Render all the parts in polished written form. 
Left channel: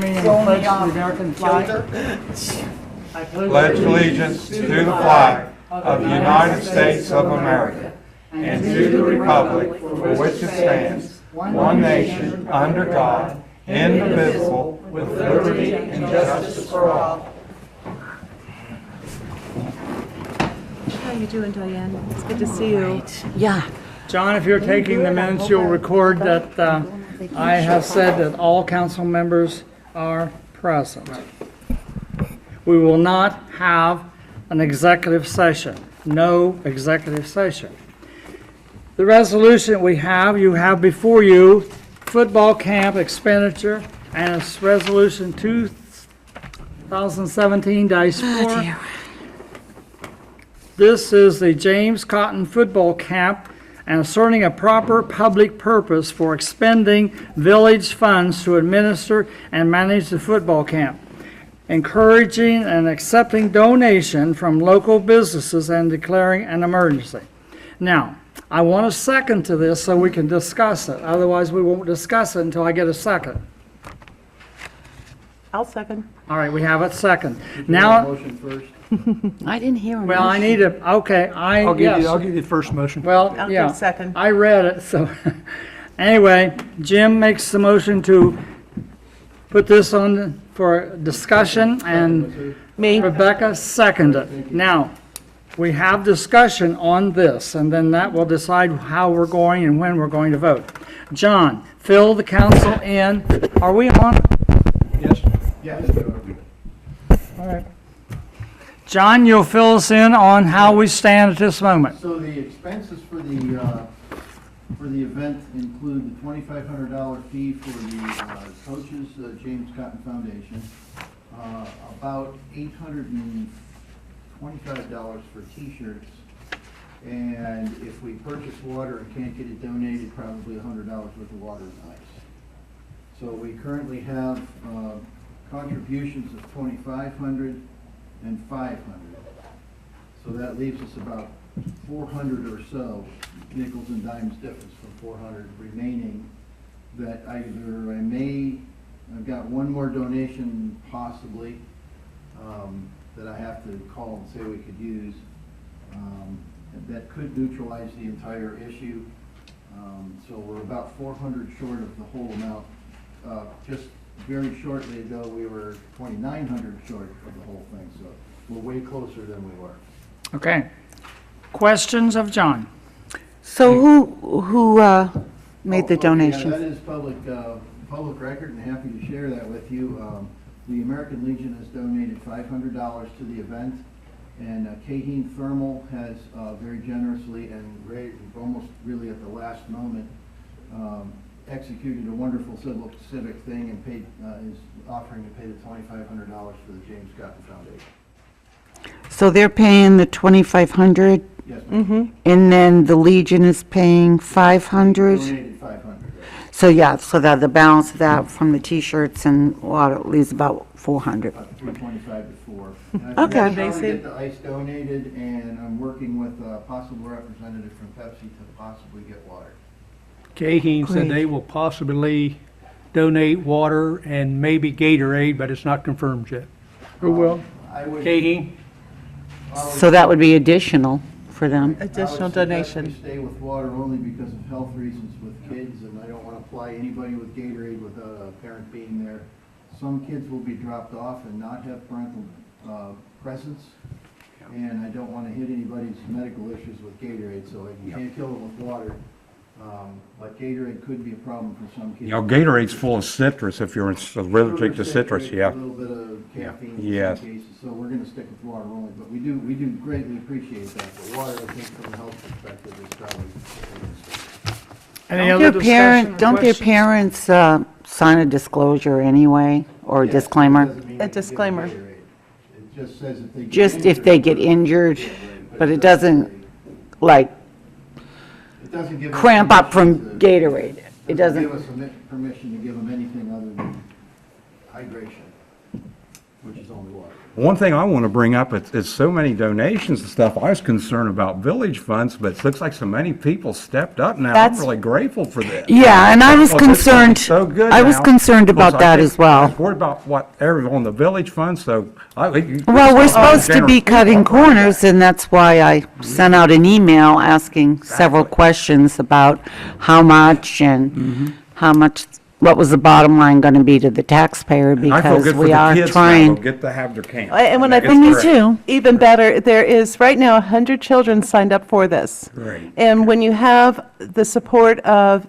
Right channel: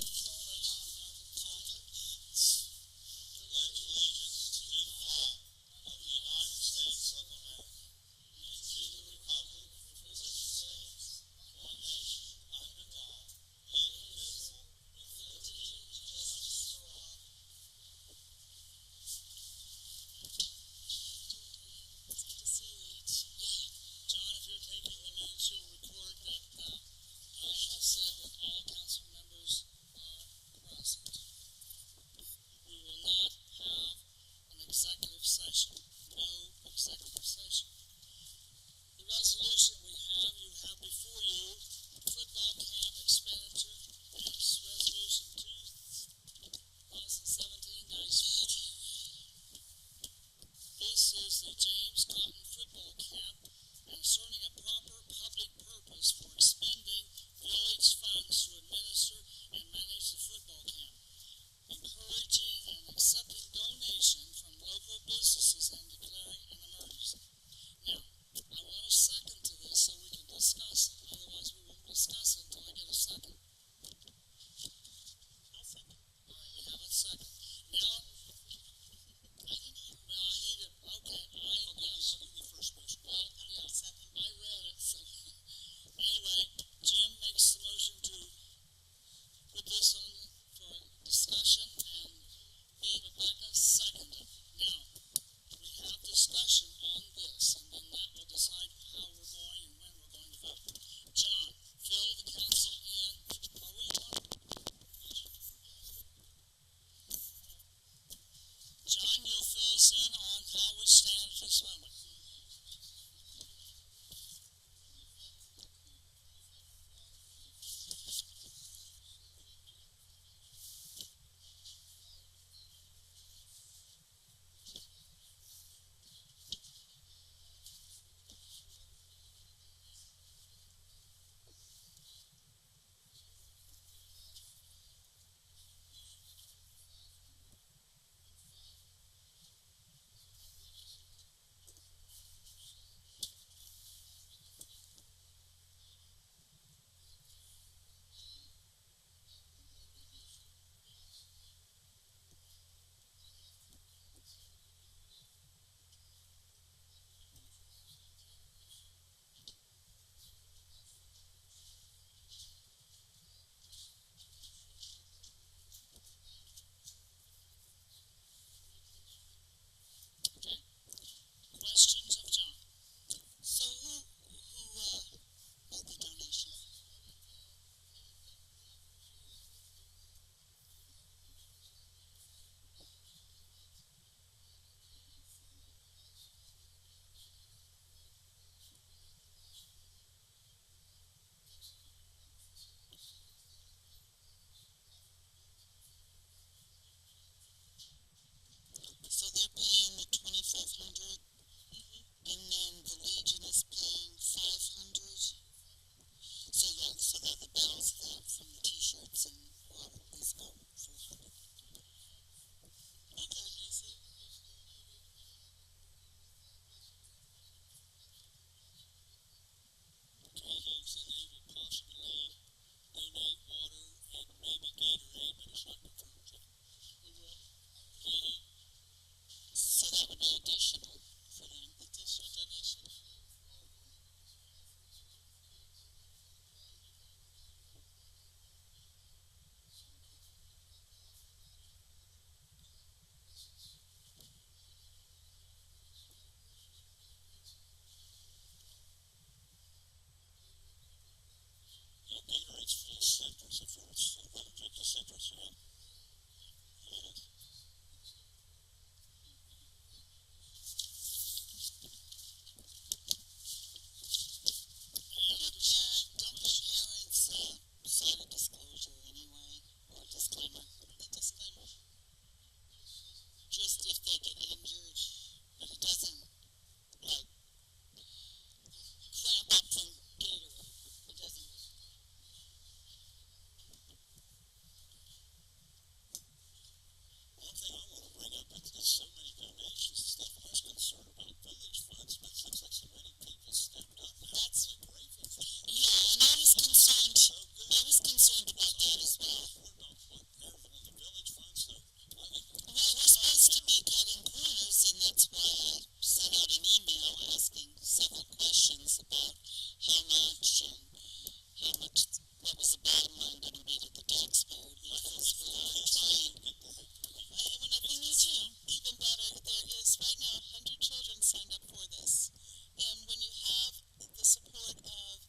join me in the pledge to the American flag? I Pledge allegiance to the flag of the United States of America and to the republic for which it stands, one nation, under God, indivisible, with liberty and justice for all. How you doing, Diane? It's good to see you. Yeah. John, if you're taking the minutes, you'll record that I have said that all council members are present. We will not have an executive session. No executive session. The resolution we have, you have before you, football camp expenditure, and it's resolution 2017-4. This is the James Cotton Football Camp and asserting a proper public purpose for expending village funds to administer and manage the football camp, encouraging and accepting donation from local businesses and declaring an emergency. Now, I want a second to this so we can discuss it. Otherwise, we won't discuss it until I get a second. I'll second. All right, we have a second. Now, Motion first. I didn't hear him. well, I need a, okay, I'll give yes. you the first motion. Well, I'll yeah. give second. I read it, so, anyway, Jim makes the motion to put this on for discussion, and Me. Rebecca seconded it. Now, we have discussion on this, and then that will decide how we're going and when we're going to vote. John, fill the council in. Are we on? Yes? Yes. All right. John, you'll fill us in on how we stand at this moment. So the expenses for the event include the $2,500 fee for the coaches, James Cotton Foundation, about $825 for T-shirts, and if we purchase water and can't get it donated, probably $100 worth of water and ice. So we currently have contributions of $2,500 and $500. So that leaves us about 400 or so, nickels and dimes difference from 400 remaining, that either I've got one more donation possibly, that I have to call and say we could use, that could neutralize the entire issue. So we're about 400 short of the whole amount. Just very shortly ago, we were 2,900 short of the whole thing, so we're way closer than we were. Okay. Questions of John? So who made the Yeah, donation? that is public record, and happy to share that with you. The American Legion has donated $500 to the event, and Kaheen Thermal has very generously and almost really at the last moment executed a wonderful civic thing and paid is offering to pay the $2,500 for the James Cotton Foundation. So they're paying the $2,500, Yes, ma'am. and then the Legion is paying $500? Donated 500. So yeah, so that the balance of that from the T-shirts and water leaves about 400. About 325 to 4. And Okay. I'm trying to get the ice donated, and I'm working with a possible representative from Pepsi to possibly get water. Kaheen said they will possibly donate water and maybe Gatorade, but it's not confirmed yet. Who will? I would. Kaheen? So that would be additional for them. Additional I would donation. suggest we stay with water only because of health reasons with kids, and I don't want to apply anybody with Gatorade without a parent being there. Some kids will be dropped off and not have parental presence, and I don't want to hit anybody's medical issues with Gatorade, so you can't kill it with water. But Gatorade could be a problem for some kids. You know, Gatorade's full of citrus if you're allergic to citrus, yeah. A little bit of caffeine in Yes. some cases, so we're gonna stick with water only, but we do greatly appreciate that. But water, I think, from a health perspective is probably. Any Don't other their discussion or don't their questions? parents sign a disclosure anyway, or a Yes, disclaimer? it doesn't mean A they can get disclaimer. Gatorade. It just says if they. get Just if they get injured, but it doesn't, like, It doesn't give us cramp up from permission to- Gatorade. It doesn't, give us permission to give them anything other than hydration, which is only water. One thing I want to bring up, it's so many donations and stuff. I was concerned about village funds, but it looks like so many people stepped up now. I'm That's- really grateful for this. Yeah, and I was Well, this is gonna be concerned, so good I was now, concerned because about I that think as well. I was worried about whatever on the village fund, so Well, we're supposed to be cutting corners, and that's why I sent out an email asking several questions about how much and how much, what was the bottom line going to be to the taxpayer, I feel because good for we the are kids now. They'll trying. get to have their camp. And when I That's think Me great. too. even better, there is right now 100 children signed up for this. Great. And when you have the support of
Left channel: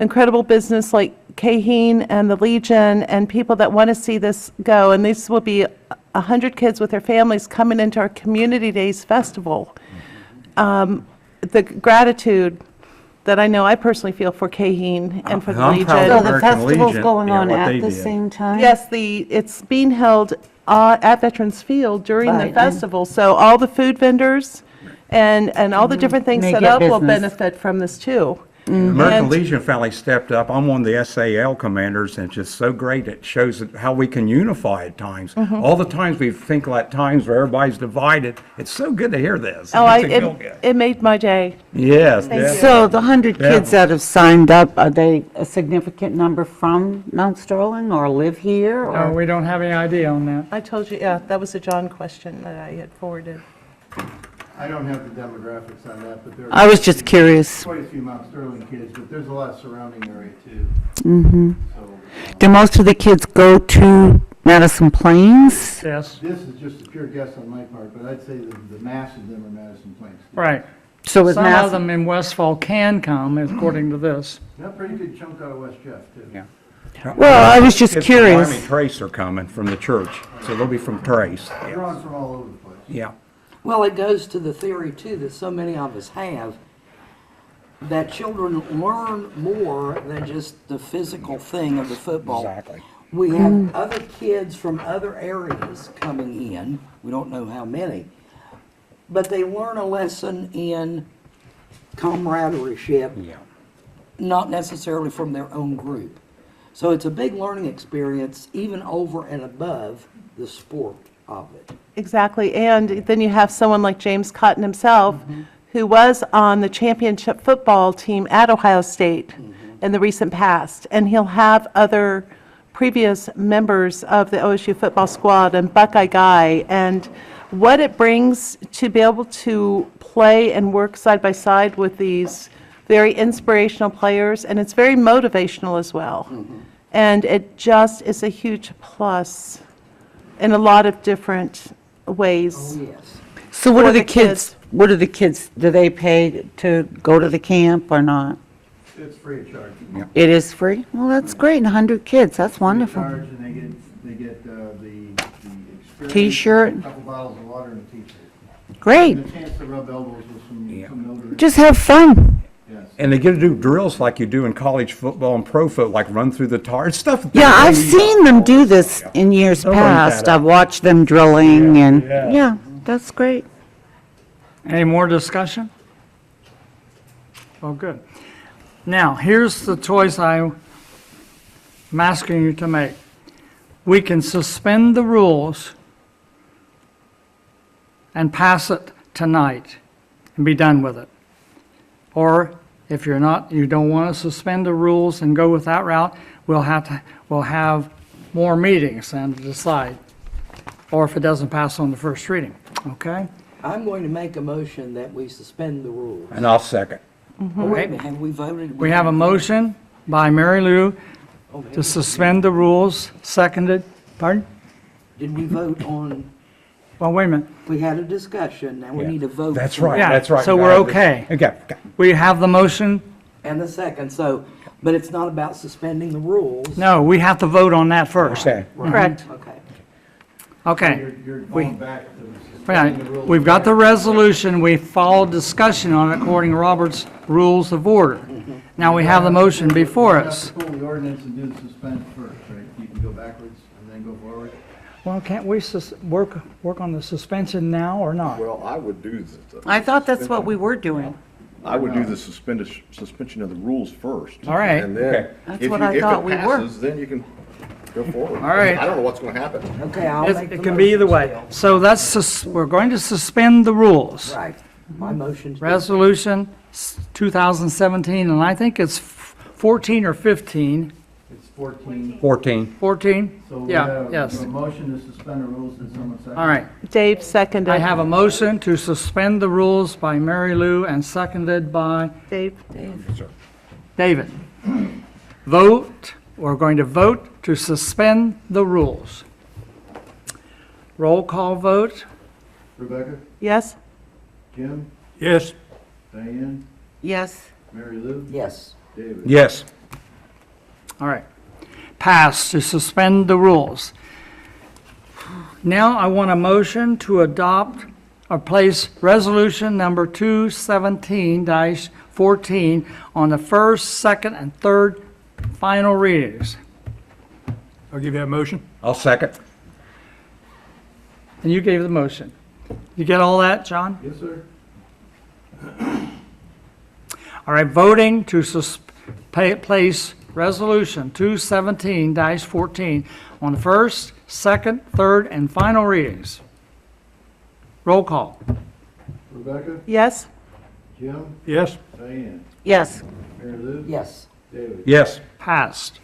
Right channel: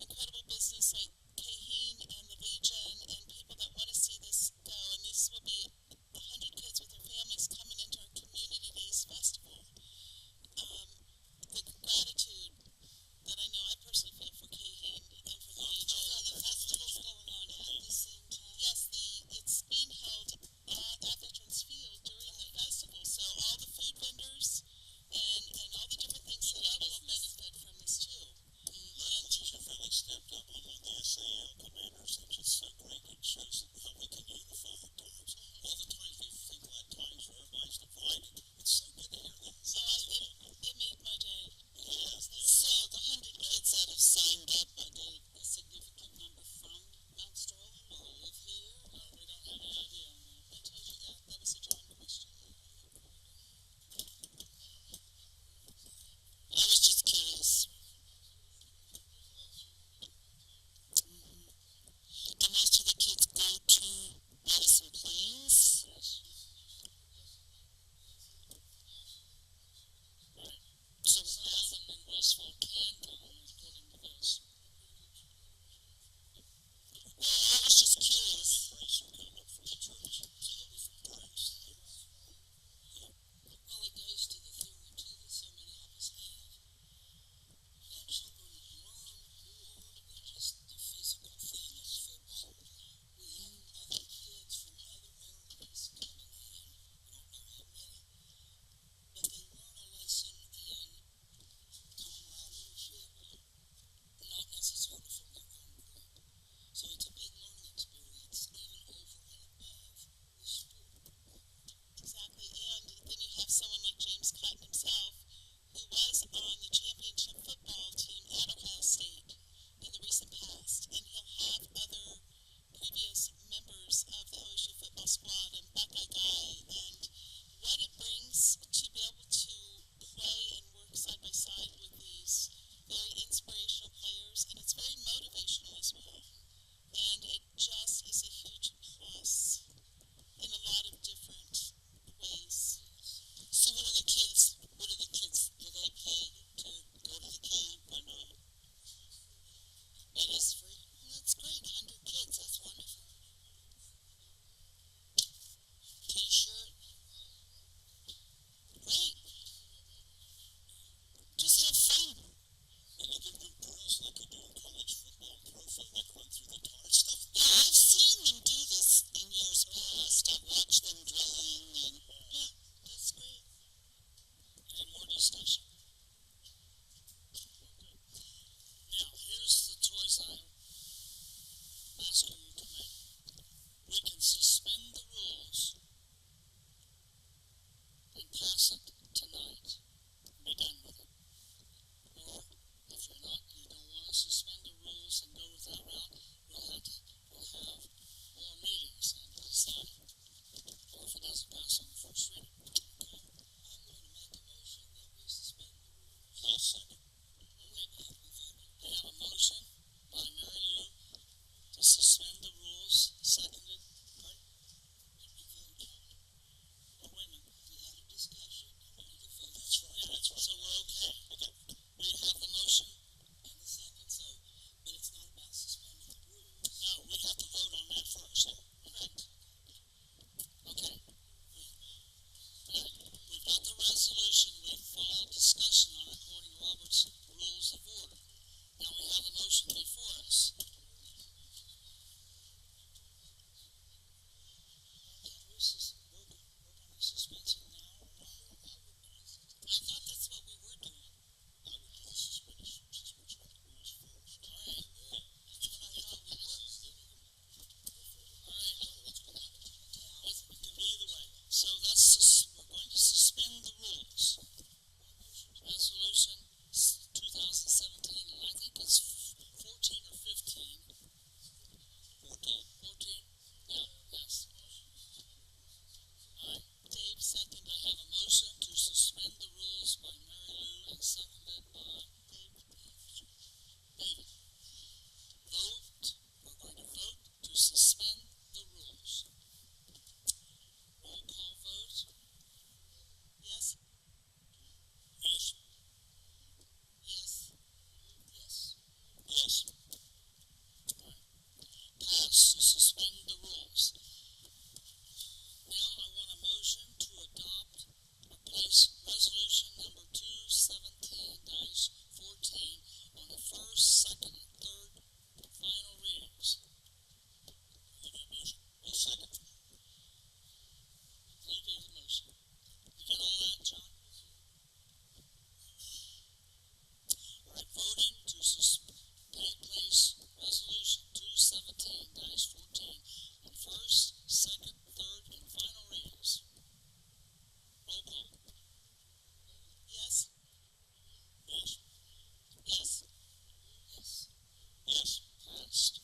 incredible business like Caheen and the Legion and people that want to see this go, and this will be 100 kids with their families coming into our Community Days Festival, the gratitude that I know I personally feel for Caheen and for the I'm proud Legion. of So the American festival's Legion, going yeah, on what at they the did. same time? Yes, it's being held at Veterans Field during Right, the and- festival, so all the food vendors and all the different things They set get up will business. benefit from this too. American And- Legion family stepped up. I'm one of the SAL commanders, and it's just so great. It shows how we can unify at times. Mm-hmm. All the times we think like times where everybody's divided. It's so good to hear this. Oh, It makes me feel good. it made my day. Yes, yes. So the 100 Yeah. kids that have signed up, are they a significant number from Mount Sterling or live here? No, or- we don't have any idea on that. I told you, yeah, that was a John question that I had forwarded. I don't have the demographics on that, but there I are was just curious. quite a few Mount Sterling kids, but there's a lot of surrounding area too. So, Do most of the kids go to Madison Plains? Yes, this is just a pure guess on my part, but I'd say the mass of them are Madison Plains. right. So is Some of Madison, them in Westfall can come, according to this. Got a pretty good chunk out of West Jeff too. Yeah. well, I was just Kids from Miami curious. Trace are coming from the church, so they'll be from Trace. They're on from all over the place. Yeah. Well, it goes to the theory too that so many of us have, that children learn more than just the physical thing of the football. Exactly. We have other kids from other areas coming in, we don't know how many, but they learn a lesson in camaraderie, Yeah. not necessarily from their own group. So it's a big learning experience, even over and above the sport of it. Exactly, and then you have someone like James Cotton himself, who was on the championship football team at Ohio State in the recent past, and he'll have other previous members of the OSU football squad and Buckeye Guy, and what it brings to be able to play and work side by side with these very inspirational players, and it's very motivational as well. And it just is a huge plus in a lot of different ways. Oh, yes. So what for are the the kids, what are the kids, do they pay to go to the camp or not? It's free of charge. It is free? Well, that's great, 100 kids, that's wonderful. Free of charge, and they get the experience. T-shirt. A couple bottles of water and a t-shirt. Great, And a chance to rub elbows with some notaries. just have fun. Yes. And they get to do drills like you do in college football and pro foot, like run through the tar, it's stuff. that Yeah, they I've really- seen them do this in years They'll learn that past. up. I've watched them drilling and, yeah. yeah, that's great. Any more discussion? Oh, good. Now, here's the choice I'm asking you to make. We can suspend the rules and pass it tonight and be done with it. Or if you're not, you don't want to suspend the rules and go with that route, we'll have more meetings and decide. Or if it doesn't pass on the first reading, okay? I'm going to make a motion that we suspend the rules. And I'll second. Oh, wait a minute, have we voted? We have a motion by Mary Lou to suspend the rules, seconded, pardon? Did we vote on, Well, wait a minute. we had a discussion, now we Yeah. need a vote. That's for right, it. Yeah, that's right. so we're okay. Okay. We have the motion? And the second, so, but it's not about suspending the rules. No, we have to vote on that first. Okay. Correct. Okay. Okay. You're We- going back to Right. suspending the rules. We've got the resolution, we followed discussion on it according to Robert's Rules of Order. Now we have the motion before You have us. to pull the ordinance and do the suspense first, right? You can go backwards and then go forward. Well, can't we work on the suspension now or not? Well, I would do the. I thought that's what we were doing. I would do the suspension of the rules first. All right. And Okay. then, That's if what you, I if thought it we were. passes, then you can Go forward. All right. I don't know what's gonna happen. Okay, I'll make the It can be either way. motion So we're going to suspend the rules. still. Right, my motion's. Resolution 2017, and I think it's 14 or 15. It's 14. 14? So we Yeah, have yes. a motion to suspend the rules and someone second. All right. Dave seconded. I have a motion to suspend the rules by Mary Lou and seconded by Dave, David. Vote, we're going to vote to suspend the rules. Roll call vote. Rebecca, yes? Jim, Yes, Diane, Yes. Mary Lou, Yes, David. Yes. All right. Pass to suspend the rules. Now I want a motion to adopt or place resolution number 217-14 on the first, second, and third final readings. I'll give you that motion. I'll second. And you gave the motion. You get all that, John? Yes, sir. All right, voting to place resolution 217-14 on the first, second, third, and final readings. Roll call. Rebecca, Yes? Jim, Yes, Diane, Yes. Mary Lou, yes, David. Yes. Passed.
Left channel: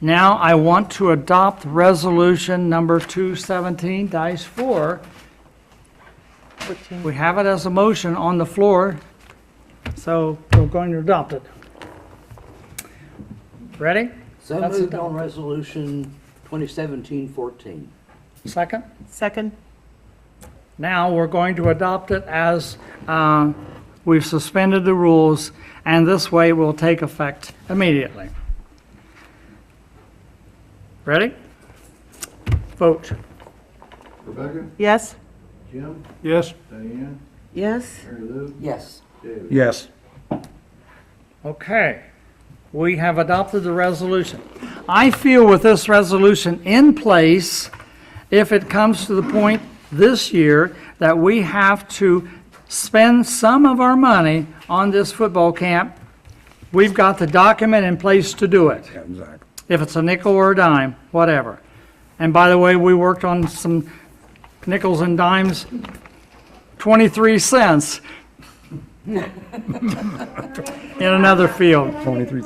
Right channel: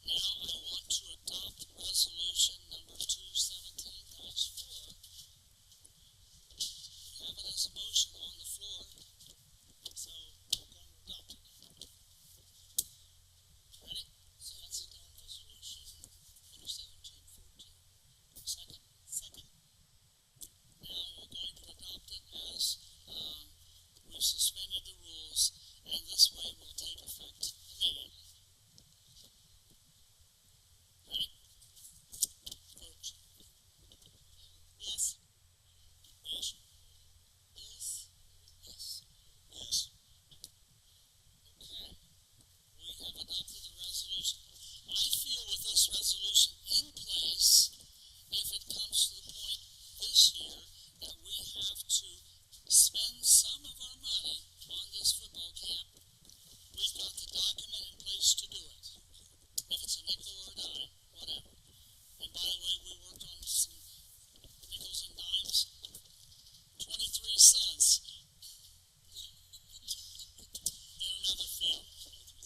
Now I want to adopt resolution number 217-4. 14. We have it as a motion on the floor, so we're going to adopt it. Ready? so That's moved it. on resolution 2017-14. Second? Second? Now we're going to adopt it as we've suspended the rules, and this way will take effect immediately. Ready? Vote. Rebecca, Yes? Jim, yes, Diane, Yes. Mary Lou, Yes, David. Yes. Okay, we have adopted the resolution. I feel with this resolution in place, if it comes to the point this year that we have to spend some of our money on this football camp, we've got the document in place to do it. Exactly. If it's a nickel or a dime, whatever. And by the way, we worked on some nickels and dimes, 23 cents in another field. 23.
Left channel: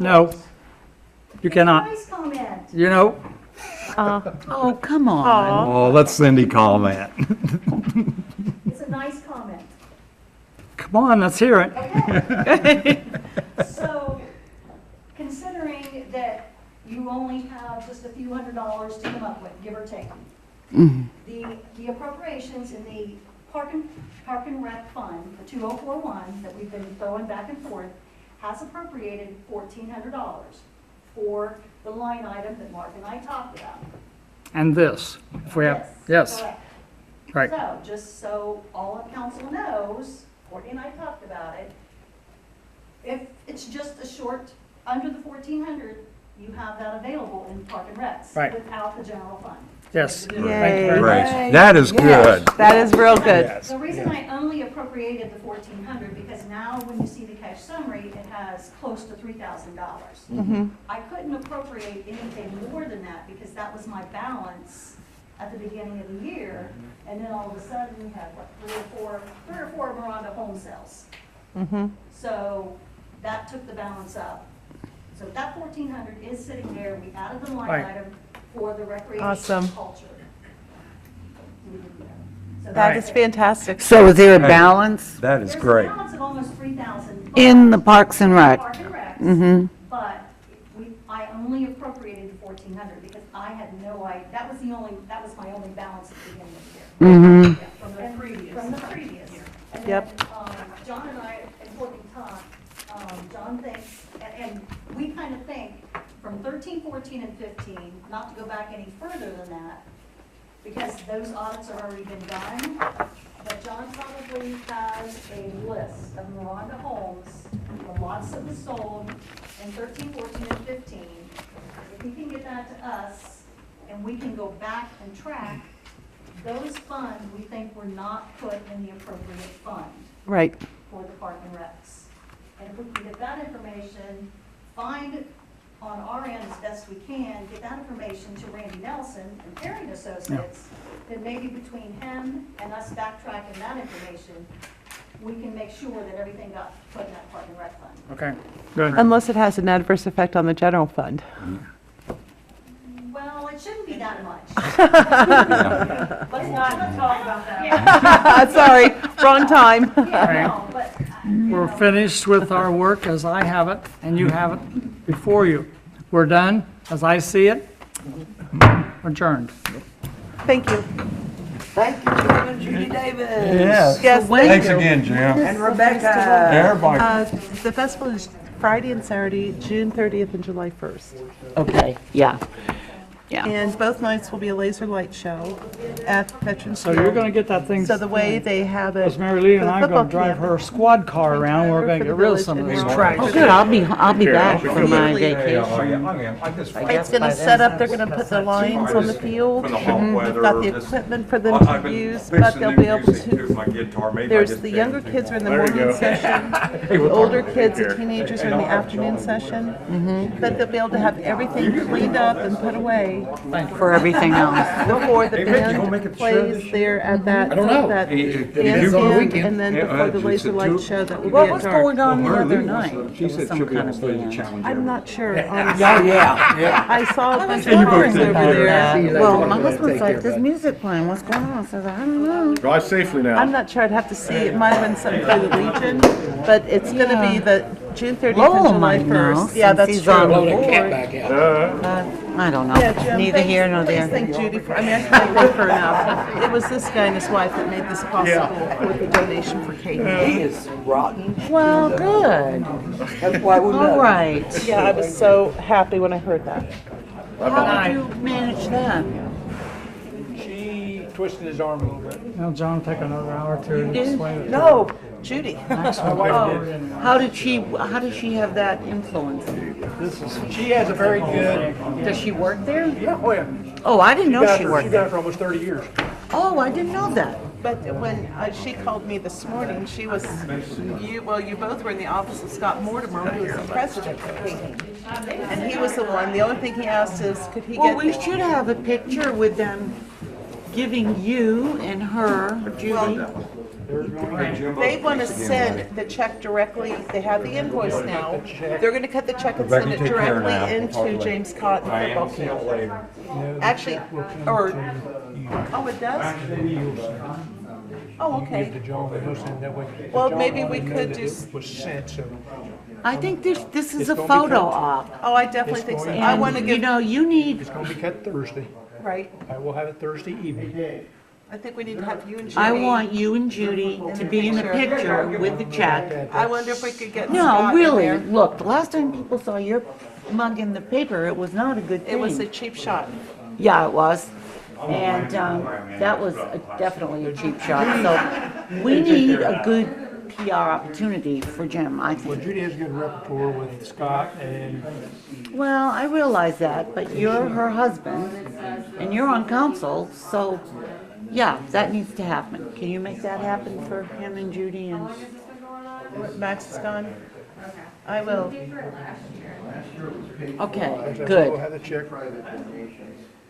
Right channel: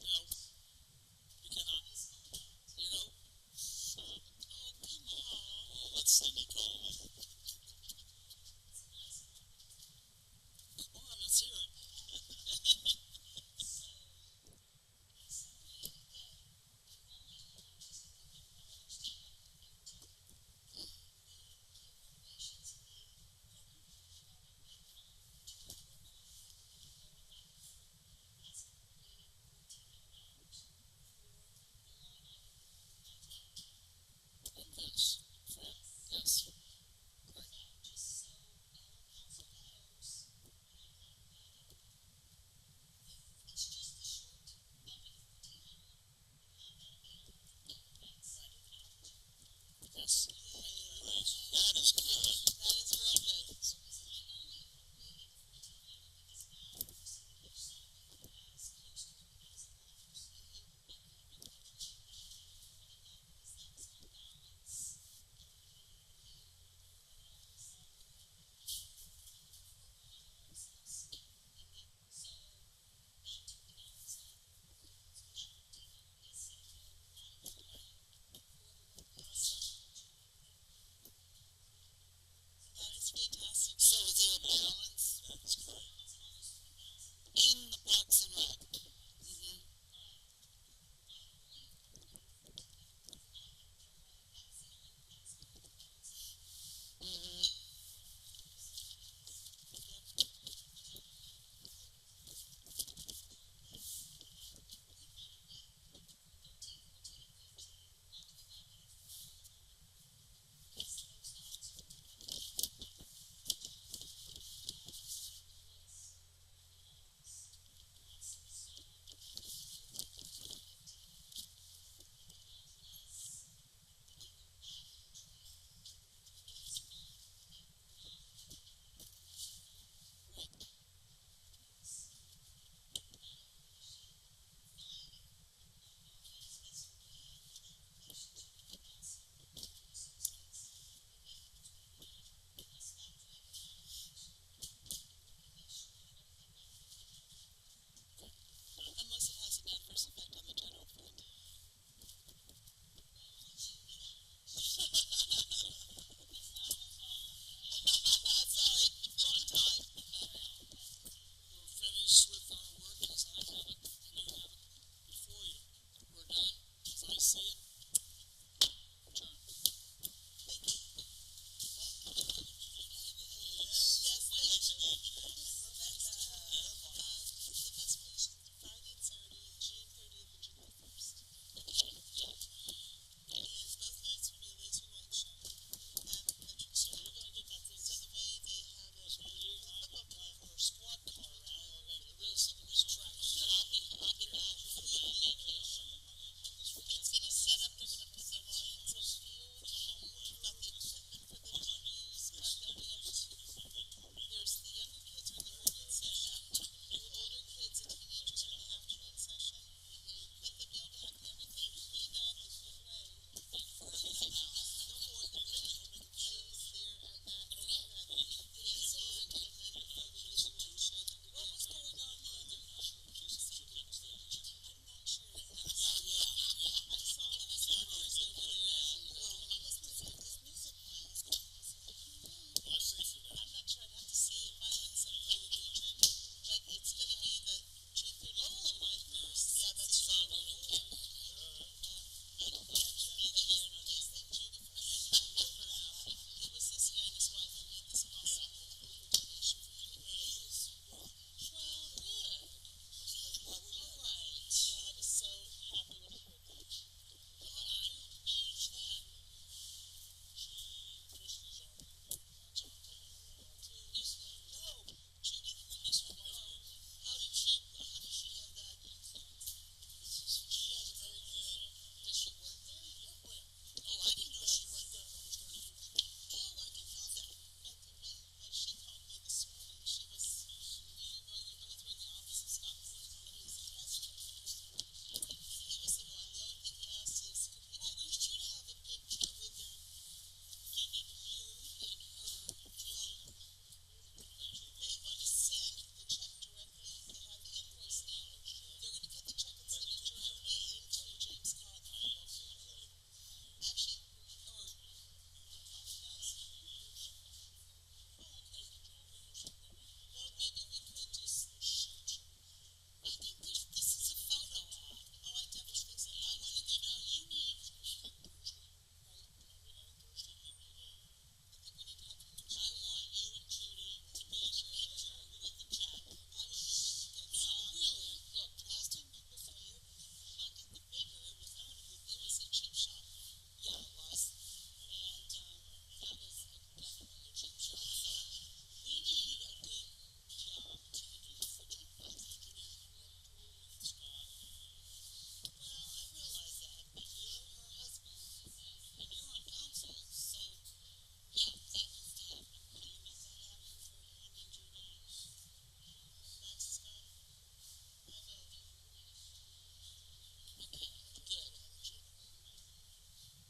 No, you cannot. Nice comment. You know, Oh, come on. Oh, let Cindy comment. It's a nice comment. come on, let's hear it. So, considering that you only have just a few $100s to come up with, give or take, the appropriations in the Park and Rec Fund, the 2041, that we've been throwing back and forth, has appropriated $1,400 for the line item that Mark and I talked about. And this, if we have, yes, Correct. right. So, just so all of council knows, Courtney and I talked about it, if it's just a short, under the 1,400, you have that available in Park and Recs. Right. Without the general fund. Yes. Thank you Yay. very much. Great. That is good. That is real good. Yes. The reason I only appropriated the 1,400, because now when you see the cash summary, it has close to $3,000. I couldn't appropriate anything more than that, because that was my balance at the beginning of the year, and then all of a sudden, we had, what, three or four Miranda home sales. So that took the balance up. So that 1,400 is sitting there, we added the line Right. item for the recreation Awesome. culture. So That is fantastic. So is there a balance That is there's great. a balance of almost 3,000. in the Parks and Rec? Park and Recs, Mm-hmm. but I only appropriated the 1,400 because I had no idea, that was my only balance at the beginning of the year. Mm-hmm. Yeah, from the previous. From the previous. And Yep. then, John and I, and Courtney talked, John thinks, and we kind of think, from 13, 14, and 15, not to go back any further than that, because those audits have already been done, but John probably has a list of Miranda homes, the lots that was sold in 13, 14, and 15. If he can get that to us, and we can go back and track, those funds, we think were not put in the appropriate fund Right. for the Park and Recs. And if we can get that information, find on our end as best we can, get that information to Randy Nelson and Perry and Associates, then maybe between him and us backtracking that information, we can make sure that everything got put in that Park and Rec fund. Okay, good. Unless it has an adverse effect on the general fund. Well, it shouldn't be that much. Let's not talk about that. Sorry, wrong time. Yeah, no, but, We're finished with our work as I have it, and you have it before you. We're done, as I see it. Adjourned. Thank you. Thank you, Jim and Judy Davis. Yes. Yes, Thanks again, Jim. And Rebecca. Everybody. The festival is Friday and Saturday, June 30th and July 1st. Okay, yeah, yeah. And both nights will be a laser light show at Veterans So Field. you're gonna get that thing, So the way they have it. because Mary Lee and for the I are gonna football drive camp, her squad car around, we're gonna get rid of some of this trash. Oh, good, I'll be back from my Immediately. vacation. It's gonna set up, they're gonna put the lines on the field. We've got the equipment for them to use, but they'll be able to, there's the younger kids are in the morning session, the older kids and teenagers are in the afternoon session. But they'll be able to have everything cleaned up and put away For everything else. before the band plays there at that bandstand, and then before the laser light show that will What be at was dark. going on the other night? There was some kind of band. I'm not sure, honestly. Yeah. I saw a bunch of cars over there. Well, my husband's like, there's music playing, what's going on? So I said, I don't know. Drive safely now. I'm not sure, I'd have to see, it might have been something for the Legion, but it's gonna be the June 30th and Lowell July might know, 1st. Yeah, since that's he's true. on the board. I don't Yeah, know, Jim, neither here nor Please there. thank Judy for, I mean, I can't thank her enough. It was this guy and his wife that made this possible with the donation for Kate. He is rotten. Well, good, That's why we love all him. right. Yeah, I was so happy when I heard that. How did you manage that? She twisted his arm a little bit. Now, John, take another hour or two to explain it. No, Judy. How did she have that influence? She has a very good, Does she work there? yeah, oh yeah. Oh, I didn't know she She worked done there. it for almost 30 years. Oh, I didn't know that. But when she called me this morning, she was, you both were in the office of Scott Mortimer, who was the president of Kate. And he was the one, the only thing he asked is, could he Well, we get, should have a picture with them giving you and her, Judy. they want to send the check directly, they have the invoice now. They're going to cut the check and send it directly into James Cotton football camp. Actually, or, oh, it does? Oh, okay. To John, and most of that way. Well, John maybe we already knew could that do it was sent, so I think this is It's a gonna be photo cut. op. Oh, I definitely think so. I want to And, you give, know, you need, it's gonna be cut Thursday. right, I will have it Thursday evening. I think we need to have you and Judy. I want you and Judy to be in a picture with the check. I wonder if we could get No, Scott in really, there. look, the last time people saw your mug in the paper, it was not a good It was a thing. cheap shot. Yeah, it was. And that was definitely a cheap shot. So we need a good PR opportunity for Jim, I Well, think. Judy has a good repertoire with Scott, and Well, I realize that, but you're her husband and you're on council, so yeah, that needs to happen. Can you make that happen for him and Judy and? Max is gone? I will. Okay, we'll good. have the check.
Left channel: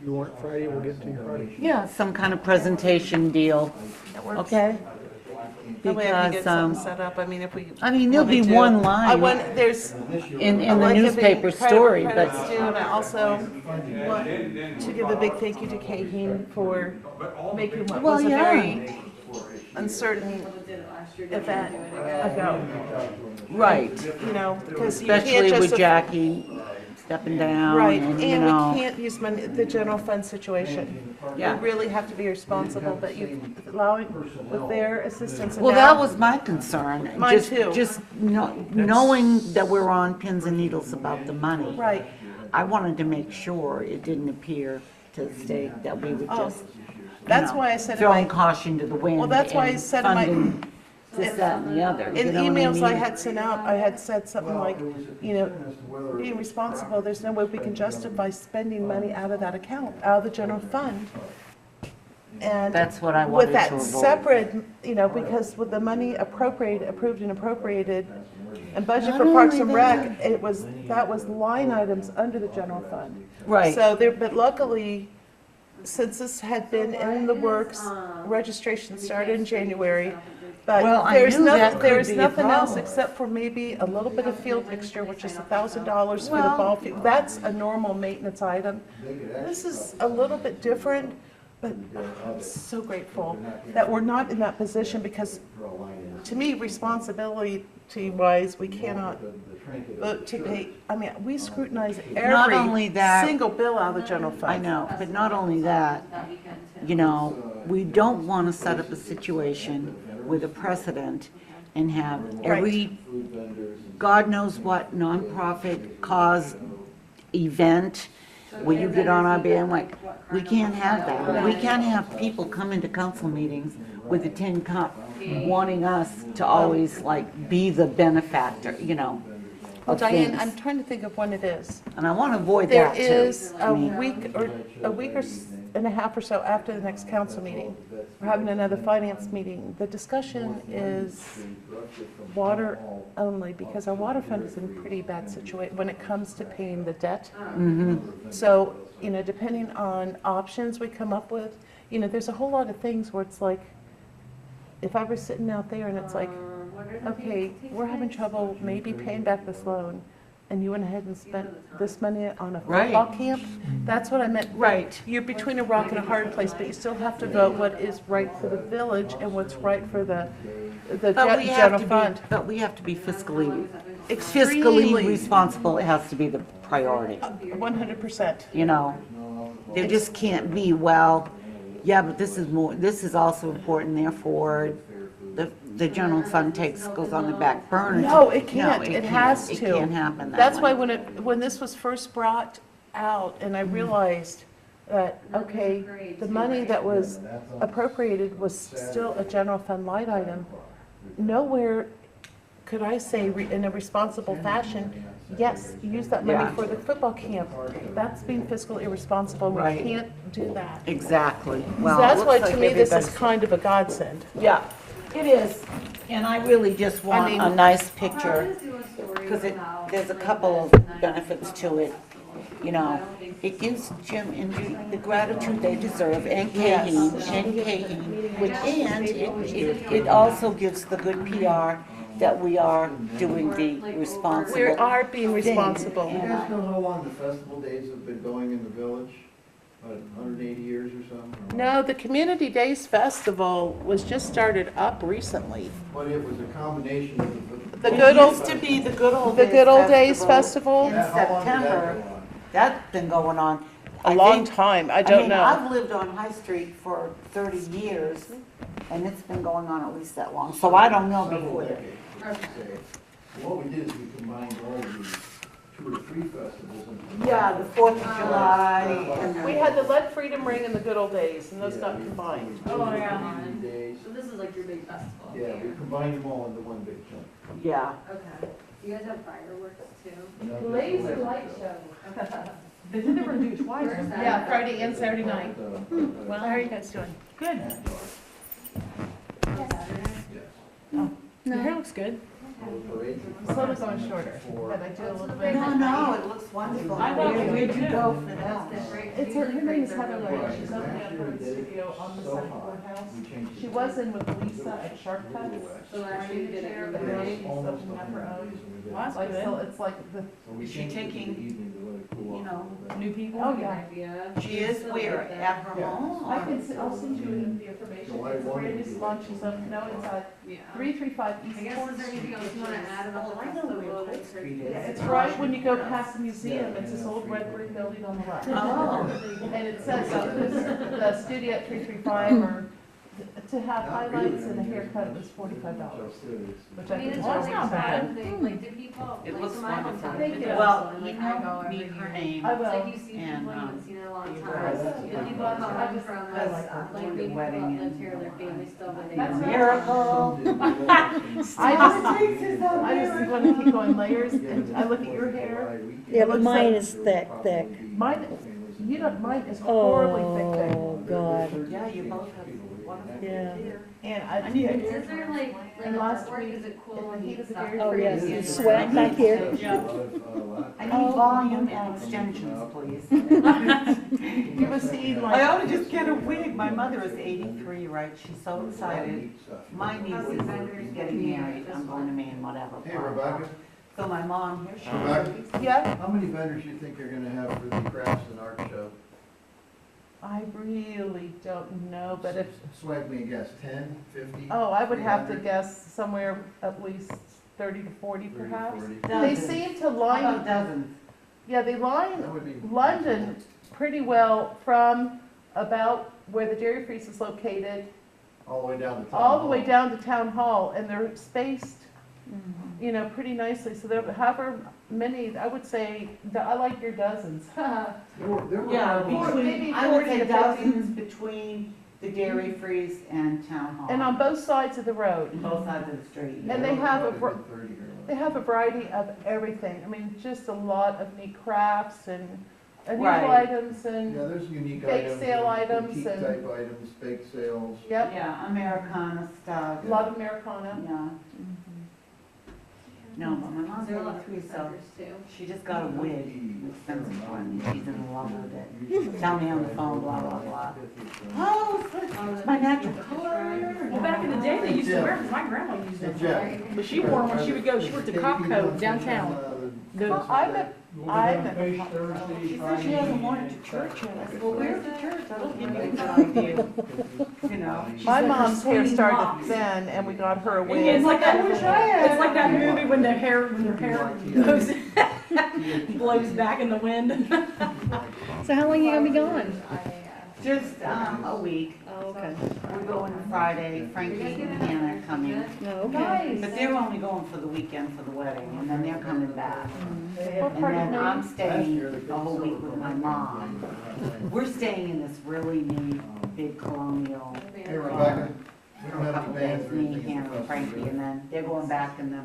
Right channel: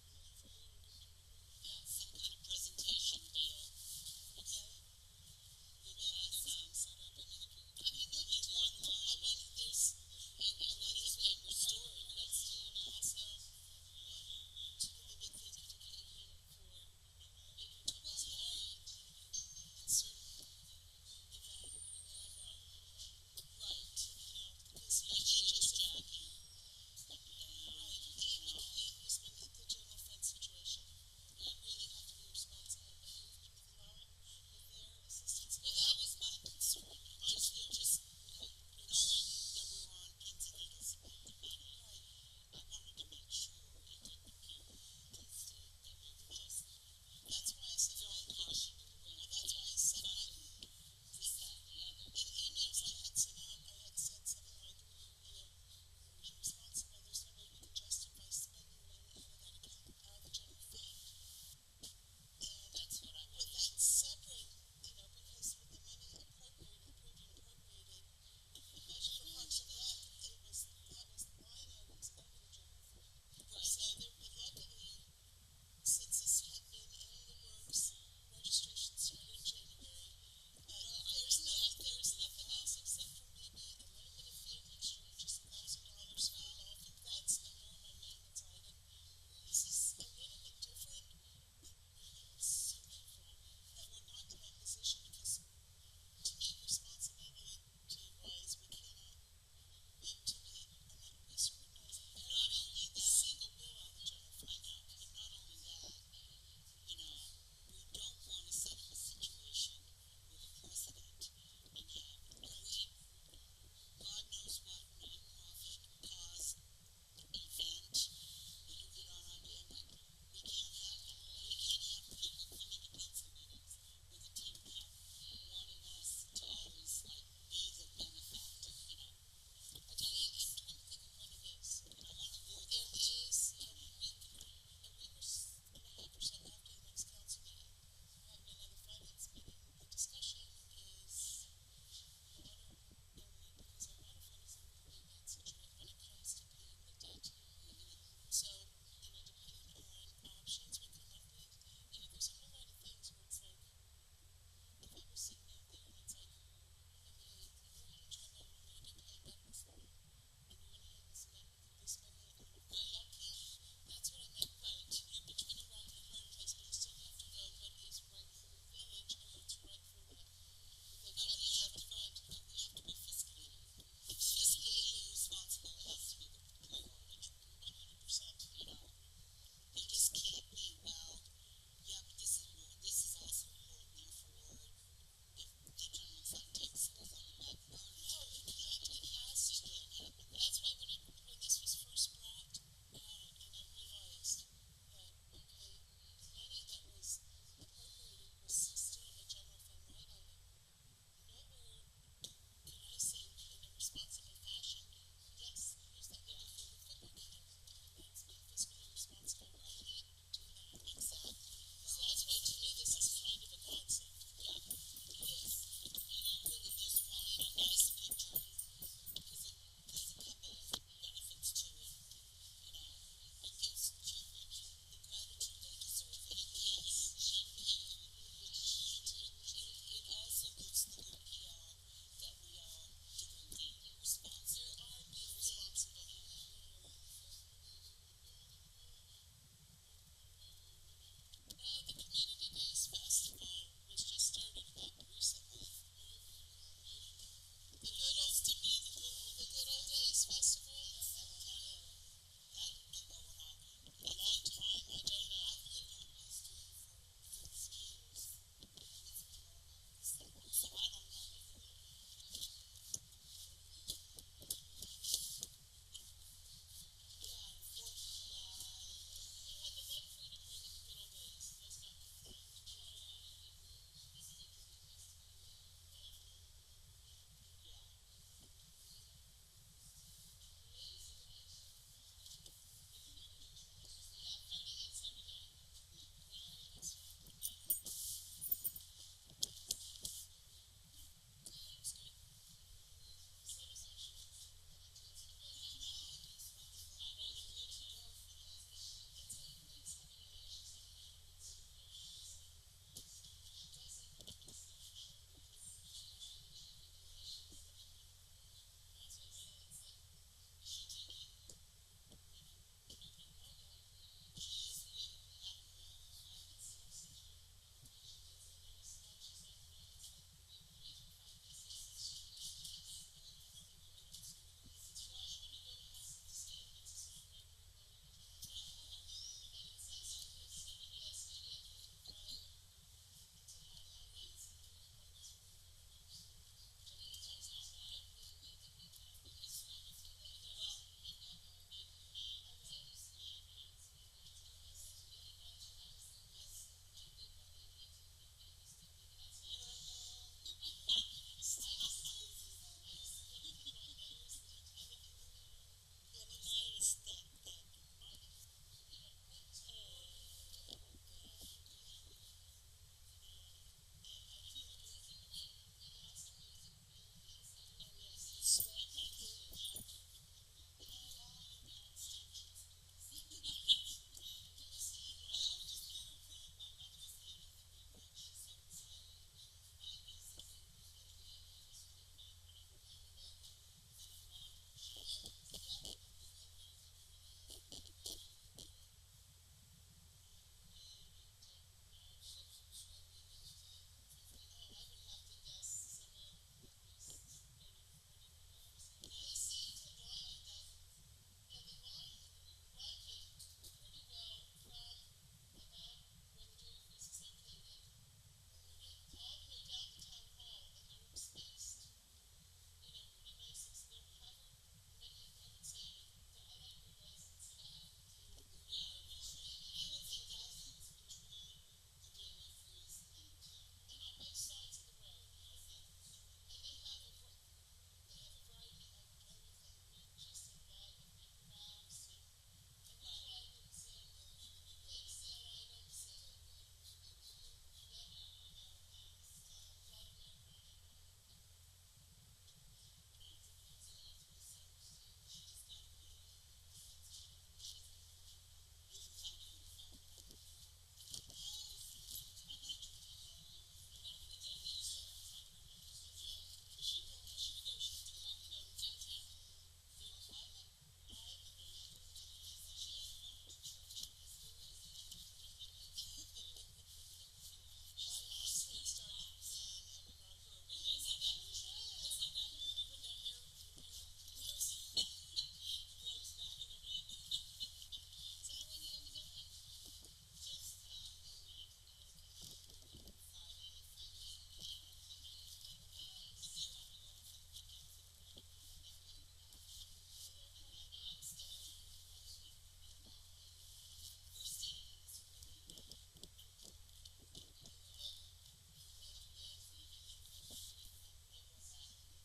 You want it Friday, we'll get it to you Friday. Yeah, some kind of presentation deal, That works. okay? That way I can get Because, something set up. I mean, if we. I mean, there'll want me be to. one line I want, there's. in I the want to give newspaper the credit story, where but credit's due, and I also want to give a big thank you to Kate for making what Well, was a yeah. very uncertain event ago, right, you know, because you can't especially just. with Jackie stepping down Right, and, you and know. we can't use money, the general fund situation. Yeah. We really have to be responsible, but you allowing, with their assistance and Well, that now- was my concern. Mine Just- too. Just knowing that we're on pins and needles about the money. Right. I wanted to make sure it didn't appear to the state that we would Oh, just, That's why I said in throwing my, caution to the wind. Well, that's why I and said in my- funding this, that, and the other. in you know what emails I mean? had sent out, I had said something like, you know, being responsible, there's no way we can justify spending money out of that account, out of the general fund. And That's what I wanted with to that avoid. separate, you know, because with the money approved and appropriated And budget Not for Parks only and Rec, that was line items under the general fund. Right. So there, but luckily, since this had been in the works, registration started in January, but Well, I there's knew that nothing, could there's be a nothing else problem. except for maybe a little bit of field mixture, which is $1,000 for the Well- ball field. That's a normal maintenance item. This is a little bit different, but I'm so grateful that we're not in that position because, to me, responsibility-wise, we cannot vote to pay, I mean, we scrutinize Not only every that- single bill out of the general fund. I know, but not only that, you know, we don't want to set up a situation with a precedent and have every, God knows what nonprofit cause event where you get on our bandwagon. We can't have that. We can't have people come into council meetings with a tin cup wanting us to always like be the benefactor, you know, Well, of Diane, things. I'm trying to think of when it is. And I want to avoid There that too. is I a mean, week or and a half or so after the next council meeting. We're having another finance meeting. The discussion is water only, because our water fund is in a pretty bad situation when it comes to paying the debt. So, you know, depending on options we come up with, you know, there's a whole lot of things where it's like, if I were sitting out there and it's like, okay, we're having trouble maybe paying back this loan, and you went ahead and spent this money on a Right. football camp, that's what I meant. Right. You're between a rock and a hard place, but you still have to vote what is right for the village and what's right for the But we have general to be, fund. but we have to be fiscally Extremely. responsible. It has to be the priority, 100%. you know? There just can't be, well, yeah, but this is more, this is also important, therefore, the general fund goes on the back burner. No, it can't. No, It has to. It can't happen that way. That's why when this was first brought out, and I realized that, okay, the money that was appropriated was still a general fund line item, nowhere could I say in a responsible fashion, yes, use that money Yeah. for the football camp. That's being fiscally irresponsible. We Right. can't do that. Exactly. So Well, that's it why, looks to like me, this is everybody's- kind of a godsend. Yeah, it is. And I really just want mean- a nice picture, because there's a couple of benefits to it, you know. It gives Jim and Judy the gratitude they deserve, and Kaheen, and it also gives the good PR that we are doing the We responsible. are being responsible. Do you guys know how long the festival days have been going in the village? About 180 years or something? No, the Community Days Festival was just started up recently. But it was a combination of The It good old, used to be the Good Old the Days Good Old Days In Festival, How long did that September, go on? that's been going on. a I long think- time, I I don't mean, know. I've lived on High Street for 30 years, and it's been going on at least that long, so I don't know before that. I should say. What we did is we combined all the 2 or 3 festivals into. Yeah, the 4th of July, and We had the Lead Freedom Ring and the Good Old Days, and those got combined. Oh, yeah. Days. So this is like your big festival? Yeah, we combined them all into one big chunk. yeah. Okay. Do you guys have fireworks too? No, Laser light show. Yeah, Friday and Saturday night. Well, Well, how are you guys doing? Good. Your hair looks good. It's a little going shorter, but I do a little bit. No, it looks wonderful. Where'd you go for that? It's her name is Heather Lloyd. She's opening up her studio on the side of the courthouse. She was in with Lisa at Sharp Cuts. So last year you did it. But now she's opening up her own. Like, so it's like the, Is she taking, you know, new people? Oh, yeah. Idea. she is where, at her home? I or- can, I'll send you the information. It's a brand new salon. She's up, no, it's Yeah. 335 I East guess Fourth is there Street. anything else you wanna add about Well, the I know where festival? Fifth Street is. Yeah, it's right when you go past the museum. It's this old red brick building on the left. Oh. And it says the studio at 335, or to have highlights and a haircut, it was $45. Which I I mean, think it's is really not bad. bad thing, like, do people, It like, looks so my wonderful. hometown, Thank the you. festival, Well, and, you like, I go know, every meet her year. name. I It's like will. you see And, people you haven't seen in a long you time. guys- The people that come I just- from, I like her like, doing the maybe wedding people that lived and- here, their family still, but they That's don't. right. Miracle. I just want to keep going layers, and I look at your hair. Yeah, but mine is thick. Mine, you know, mine is horribly thick. Oh, God. Yeah, you both have wonderful Yeah. hair. And Is there like And last artwork, week, is it cool in the when heat you of the stop? Dairy Oh, Free yes, is- you sweat back here. I need volume and extensions, please. You ever seen I like, ought to just get a wig. My mother is 83, right? She's so excited. My niece is getting married. I'm going to Maine, whatever. Hey, Rebecca, So my mom, here she Rebecca, yeah, how many vendors you think you're gonna have for the crafts and art show? I really don't know, but if, Swag me a guess, 10, 50? oh, I would have to 300? guess somewhere at least 30 to 40 30, perhaps. 40? They Dozens. seem to How about line, dozens? yeah, they line That would be. London pretty well from about where the Dairy Freeze is located, All the way down to town all the way hall. down to Town Hall, and they're spaced, you know, pretty nicely, so there, however many, I would say, I like your dozens. There were Yeah, maybe between, I would 40 say to 50. dozens between the Dairy Freeze and Town Hall. And on both sides of the road. Both sides of the street. And they have a, Probably var- 30 here. they have a variety of everything, I mean, just a lot of neat crafts and unusual Right. items and, Yeah, there's unique Bake items. sale and items boutique and- type items, bake sales. yep, Yeah, Americana stuff. a lot of Americana. Yeah. No, but my mom's Is there a lot of 83, so vendors too? she just got a wig, an expensive one. She's in love with it. Tell me on the phone, blah, blah, blah. Oh, it's my natural color. Well, back in the day, they used to wear them, my grandma used Hey, them. Jeff. But she wore them when she would go, she worked at Copco downtown. Well, I'm at, I'm at, She said she hasn't worn it to church yet. I said, well, where's the church? That'll give you a good idea. You know? my mom's hair started then, and we got her a wig. It's like that, it's like that movie when their hair goes, blows back in the wind. So how long you gonna be gone? Just, a week. Oh, okay. We're going Friday. Frankie and Hannah are coming. Oh, okay. But they're only going for the weekend for the wedding, and then they're coming back. What And part of then Maine? I'm staying a whole week with my mom. We're staying in this really neat, big colonial. Hey, Rebecca, we don't have Couple any bands days, or me, anything. Hannah, and Frankie, and then they're going back, and then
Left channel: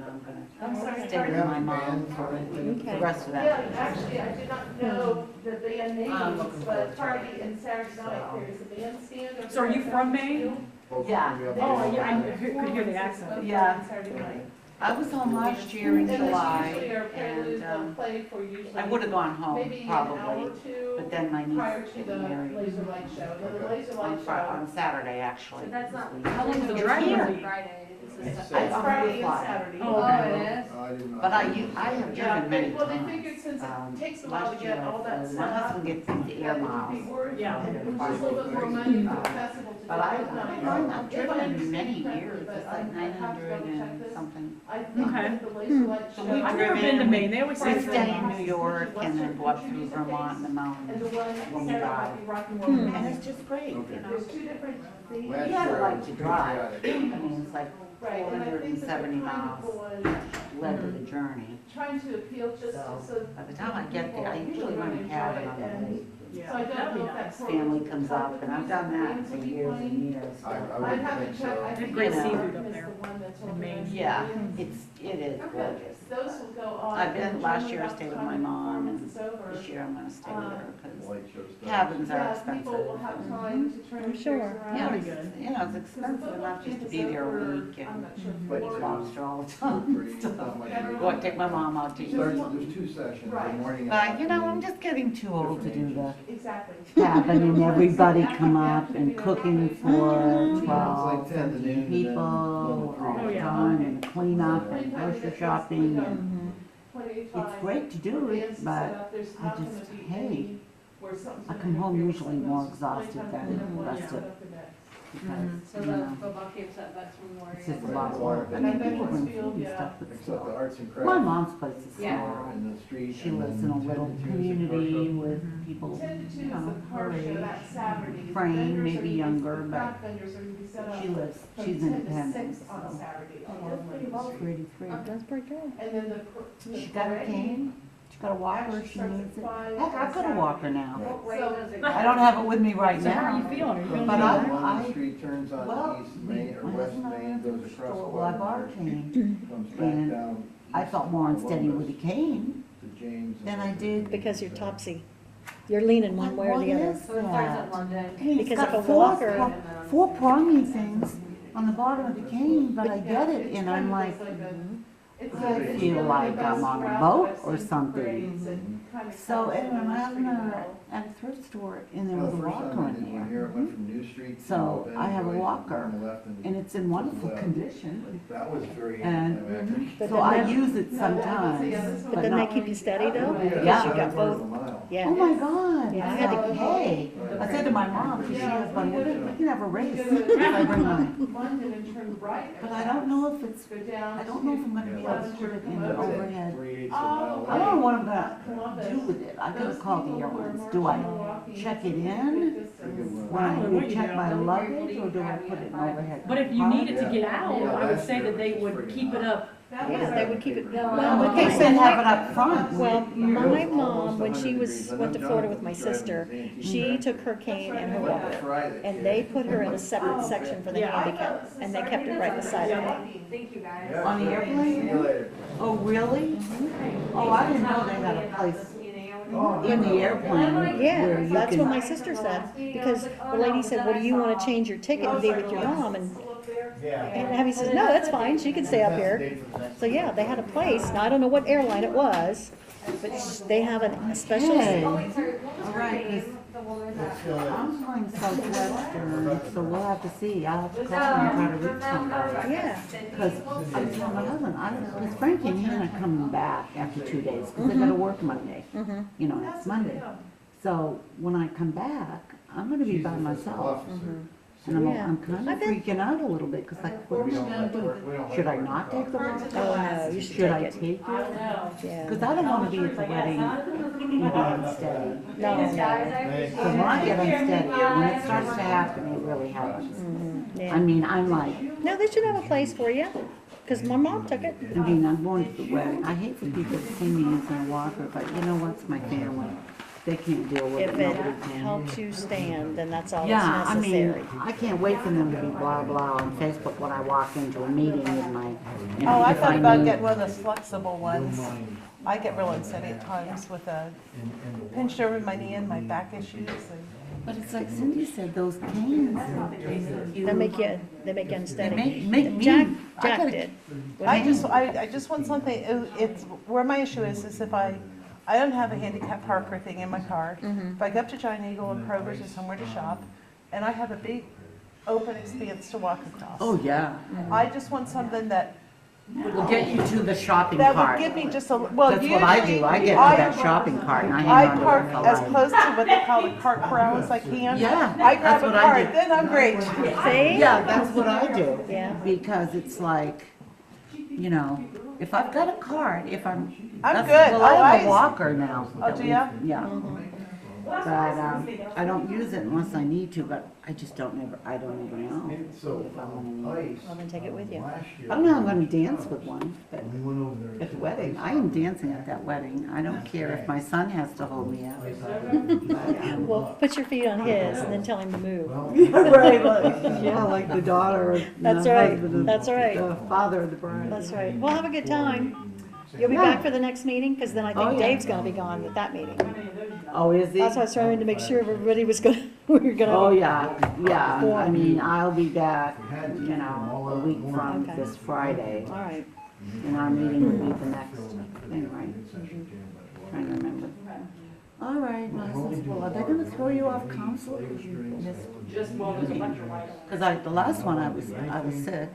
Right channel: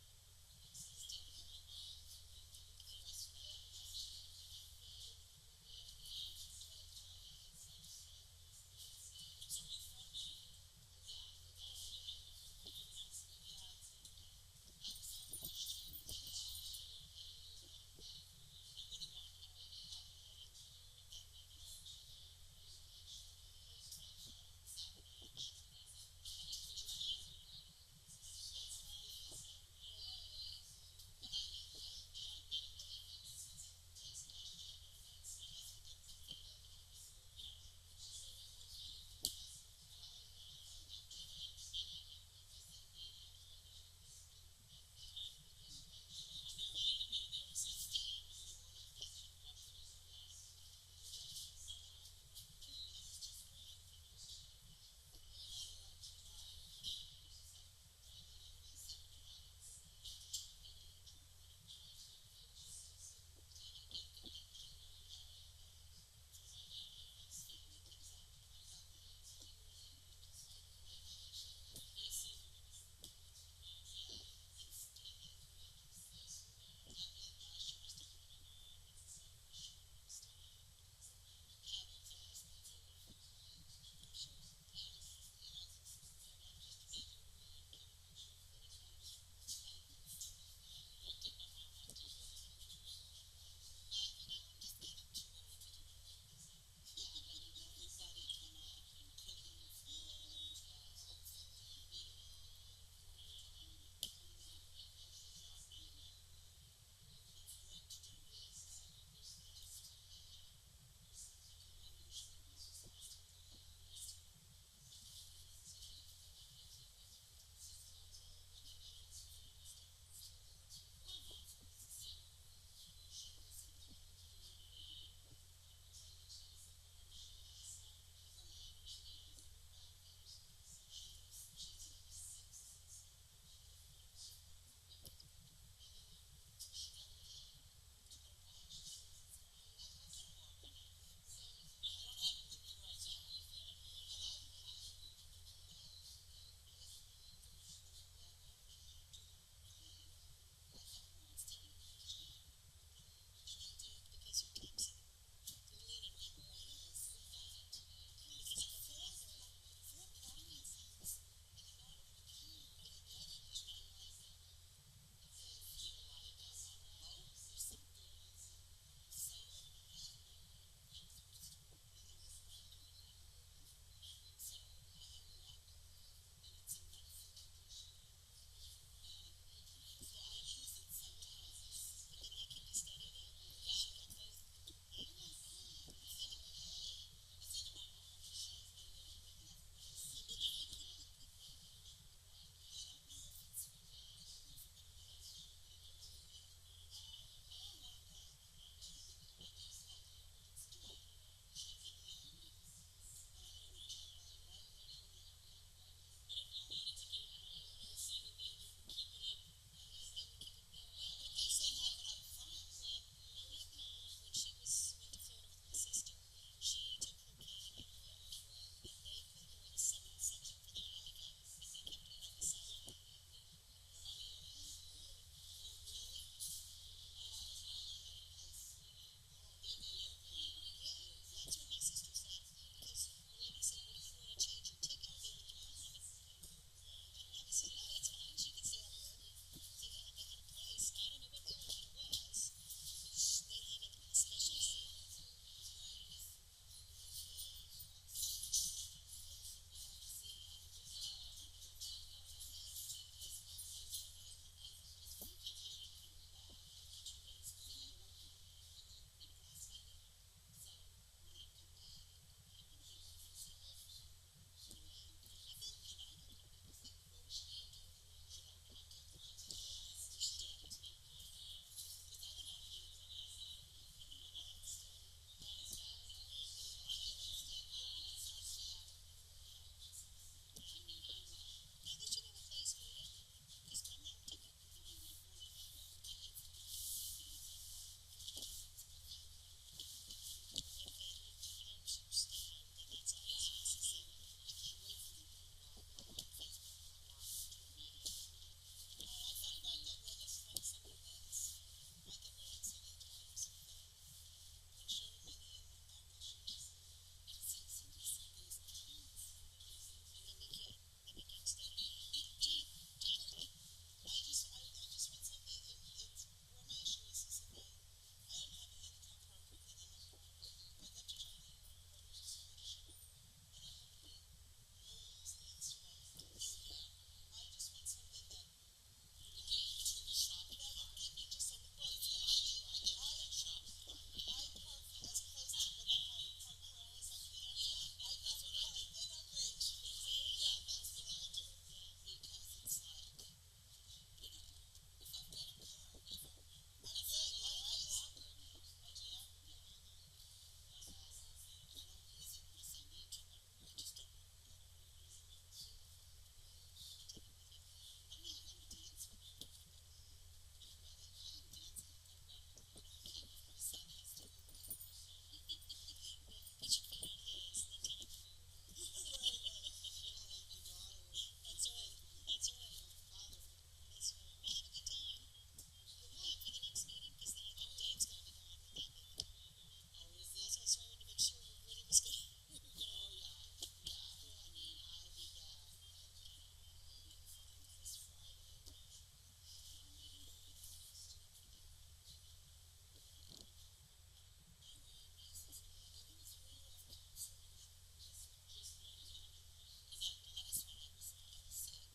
I'm gonna stay Do we with have my any mom bands or for anything? the rest of Yeah, that. actually, I did not know the band names, looking but Friday and Saturday night, there's a bandstand. over So are you there. from Maine? Both Yeah. of them have Oh, bands. yeah, I could hear the accent. Yeah. Saturday night. I was home last year in And there's July, usually a prelude, and, they'll play for usually. I would've gone home, Maybe an hour probably, or two but then my niece prior is to the getting married laser light show. And the laser on light show, On Saturday, actually. So that's not, this week. how long is the It's drive here. on Friday? It's it's just a- Friday and fly. Saturday. Oh, Oh, okay. it is? I didn't know. But I have Yeah, driven many well, they figured times. since it takes a while to Last year, get all that my set up, husband gets these air that would miles. be worth, Yeah. and it was just a little bit more money for the festival to do. But I've If driven I in many understand years, correctly, it's but like I have to 900 double check and this. something. I think Okay. that the laser light So show. we've I've never been to driven- Maine, they always We say. stay in New York and then go up through Vermont and the And mountains. the one When we Saturday drive. might be rock and roll. And it's just great, you know? There's two different things. Last You gotta year I like was to drive. I patriotic. mean, it's like Right, and I think that they're 470 kind of miles going, led to the journey. trying to appeal just So, so. by the time I get there, I usually run a cabin on the lake. So I don't know if that's. Family comes up, and I've done that for years and years. I I'd would have think to so. check. I They have think great the seafood one up is there the one that's in Maine. organized. Yeah, it is gorgeous. Those will go on. I've been, and last year I generally stayed with about my the time mom, and performance is over, this year I'm gonna stay with her, because Light show stuff. cabins are yeah, expensive. people will have time to turn I'm theirs sure. around. Yeah, That'd it's, be good. you know, it's expensive enough just to be there a week I'm and not sure. But Florida. lobster all the Two, time. three, not much of a- Go and take my mom out to eat. There's two sessions, the morning and But, you know, I'm afternoon. just getting too old to do the Exactly. cabin and everybody come up and cooking for It's 12, like 10 to 15 noon, people and then all Oh, the yeah. time, and clean up and grocery shopping, and it's great to do it, but I just hate. I come home usually more exhausted than rested. So Because, the you know, football camp's at Vex Memorial. it's just a lot of work. I mean, people bring food and stuff, but Except still. the arts and crafts. My mom's place is Yeah. small. In the street. She and lives then in a 10 little to 2 is the community car show. with people, 10 to 2 you is know, the car her show age. that Saturday. The Frame, vendors maybe are gonna be- younger, the but craft vendors are gonna be set up she lives, from she's 10 to independent, 6 on so. Saturday That's along pretty Main well Street. for 83. That's pretty good. And then the She got her parade cane, she got a walker, actually she starts needs at it. 5 Heck, I've got a on walker now. What way So- does it I go? don't have it with me right So how are you now. feeling? Are you feeling But better? I- One street turns on Well, East Main or my West husband and I Main, went to goes the across store, well, I bought a Quaker, cane. comes back and down. I east felt more unsteady Columbus with a cane to James and than I then- did. Because you're topsy. You're leaning one way or What the other. is So it starts that? at London. I mean, it's Because got of a four, walker. four prongy things, on the bottom of the cane, but I get it, and I'm like, I feel like I'm on a boat or something. So anyway, I'm at a thrift store, and there was a walker in Here there. it went from New Street to So I have a Benny Way, walker, on the left, and it's in wonderful condition. that was very And anticlimactic. so I use it sometimes, But but didn't they not. keep you steady though? Yeah. You got both, yeah. Oh my God. Yeah, I I had to- said, hey, I said to my mom, because she has one, we can have a race. I bring mine. But I don't know if it's, I don't know if I'm gonna be able to put it in the overhead. 3/8 of a mile I don't know what I'm gonna do with it. I gotta call the airlines. Do I check it in when I check my luggage, or do I put it in overhead? But if you needed to get out, I would say that they would keep it up. Yeah, they would keep it, Well, well, okay, okay, so so have it up front. well, my mom, when she went to Florida with my sister, she took her cane and her walker, and they put her in a separate section for the handicap, and they kept it right beside her. Thank you, guys. On the airplane? Oh, really? Oh, I didn't know they had a place in the airplane where Yeah, you that's what my can. sister said, because the lady said, well, do you wanna change your ticket and be with your mom? And Abby says, no, that's fine, she can stay up here. So, yeah, they had a place, now I don't know what airline it was, but they have a special, Hey, all right, 'cause I'm going Southwestern, so we'll have to see. I'll have to call them and try to reach somebody. yeah. Because I was telling my husband, because Frankie and Hannah are coming back after 2 days, because they gotta work Monday. You know, next Monday. So when I come back, I'm gonna be by myself. And Yeah. I'm kind I've of been- freaking out a little bit, because like, what am I gonna do? Should I not take the walk? Oh, no, you should Should I take it. take it? Yeah. Because I don't wanna be at the wedding, you know, unsteady. No, no, So when I get unsteady, when it starts to happen, it really happens. I yeah. mean, I'm like, No, they should have a place for you, because my mom took it. I mean, I'm going to the wedding. I hate for people to see me using a walker, but you know what's my family? They can't deal with it, If it nobody can. helps you stand, then that's all Yeah, that's I mean, necessary. I can't wait for them to be blah, blah on Facebook when I walk into a meeting with my, you know, Oh, I if thought about need- getting one of those flexible ones. I get real unsteady at times with a pinched over my knee and my back issues and. But it's like Cindy said, those canes. They make you unsteady. Make me. Jack I gotta- did. I just want something, it's, where my issue is if I don't have a handicap parker thing in my car. If I go up to Giant Eagle and Kroger's or somewhere to shop, and I have a big open expanse to walk across. Oh, yeah. I just want something that We'll get you to the shopping would cart. give me just a, well, That's usually. what I do. I get to that shopping cart and I I hang on to park it for as life. close to what they call the cart corral as I can. Yeah, I grab that's a what I cart, do. then I'm great. See? Yeah, that's what I do. Yeah. Because it's like, you know, if I've got a cart, if I'm. I'm that's- good. Well, I have Oh, a walker now. Oh, that do we- ya? Yeah. But, I don't use it unless I need to, but I just don't ever, I don't ever know if I'm gonna need it. Well, then take it with you. I don't know, I'm gonna dance with one, but at the wedding, I am dancing at that wedding. I don't care if my son has to hold me up. Well, put your feet on his and then tell him to move. Right, yeah, like the daughter of the That's right, husband of that's right. the father of the bride. That's right. Well, have a good time. You'll be Yeah. back for the next meeting, because then I Oh, think yeah. Dave's gonna be gone at that meeting. Oh, is he? That's why I was trying to make sure everybody was gonna, we were gonna. Oh, yeah, yeah, I mean, I'll be back, you know, a week from Okay. this Friday, All right. and our meeting will be the next thing, right? Trying to remember. All right, well, are they gonna throw you off council? Because the last one, I was sick,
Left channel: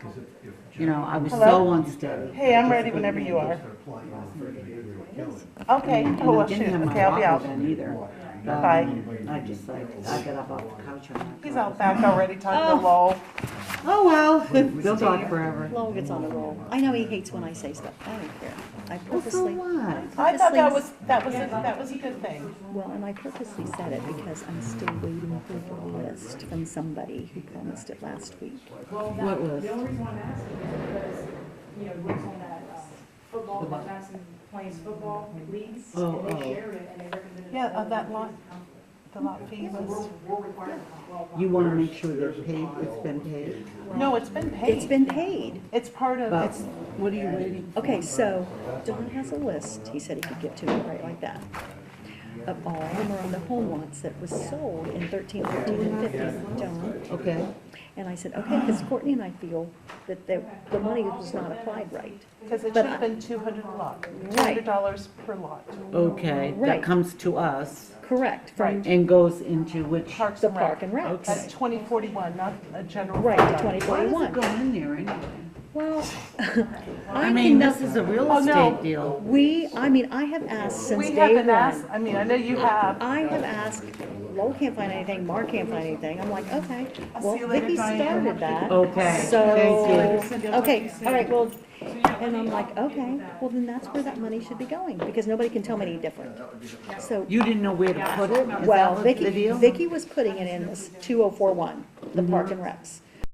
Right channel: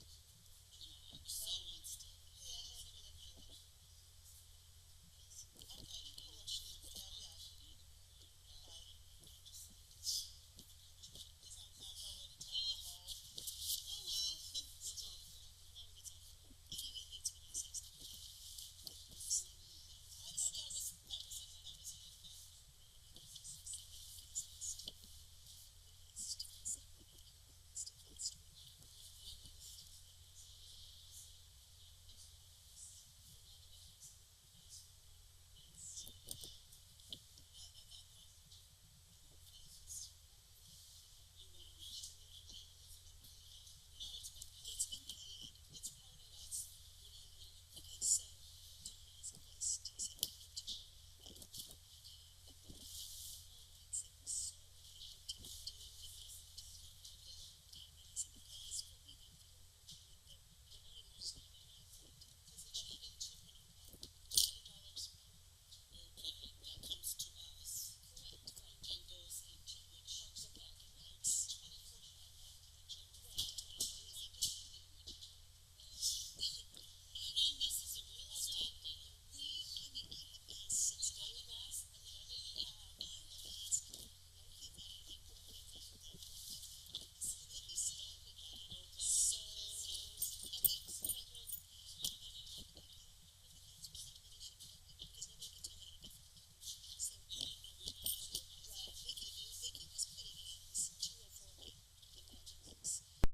you know, I was so Hello? unsteady. Hey, I'm ready whenever you are. Okay, And oh, I well, didn't shoot, have my okay, I'll be out. walker then either. But, Bye. I just like, I got up off the couch and I. He's out back already talking to Lowell. Oh, well, they'll talk forever. Lowell gets on the roll. I know he hates when I say stuff. I don't care. I Well, so purposely, what? I thought that was a good thing. well, and I purposely said it because I'm still waiting for the list from somebody who promised it last week. What was? The only reason I'm asking is because, you know, works on that football, that Madison plays football leagues, Oh, and they oh. shared it, and they recommended. Yeah, that lot, the lot fee was, We're required. You want to make sure they're paid, it's been paid? no, it's been paid. It's been paid. It's part of, But it's, what are you waiting for? Okay, so Don has a list, he said he could get to me right like that, of all the Miranda home lots that was sold in 13, 14, and 15, John. Okay, And I said, okay, because Courtney and I feel that the money was not applied right. Because it But should have I- been 200 a lot, Right. $200 per lot. Okay, Right. that comes to us Correct, from Right. and goes into which? Parks the and Rec. Park and Recs. That's 2041, not a general. Right, fund the item. Why does it 2041. go in there anyway? Well, I mean, this is a real Oh, no. estate deal. I have asked since We day haven't one. asked, I mean, I know you have. I have asked, Lowell can't find anything, Mark can't find anything. I'm like, okay, I'll well, see you later, Vicky Diane. started that. Okay, So, thank you. okay, all right, well, and I'm like, okay, well, then that's where that money should be going, because nobody can tell me any different. So, You didn't know where to put it? Is well, that what the Vicky deal? was putting it in this 2041, the Park and Recs.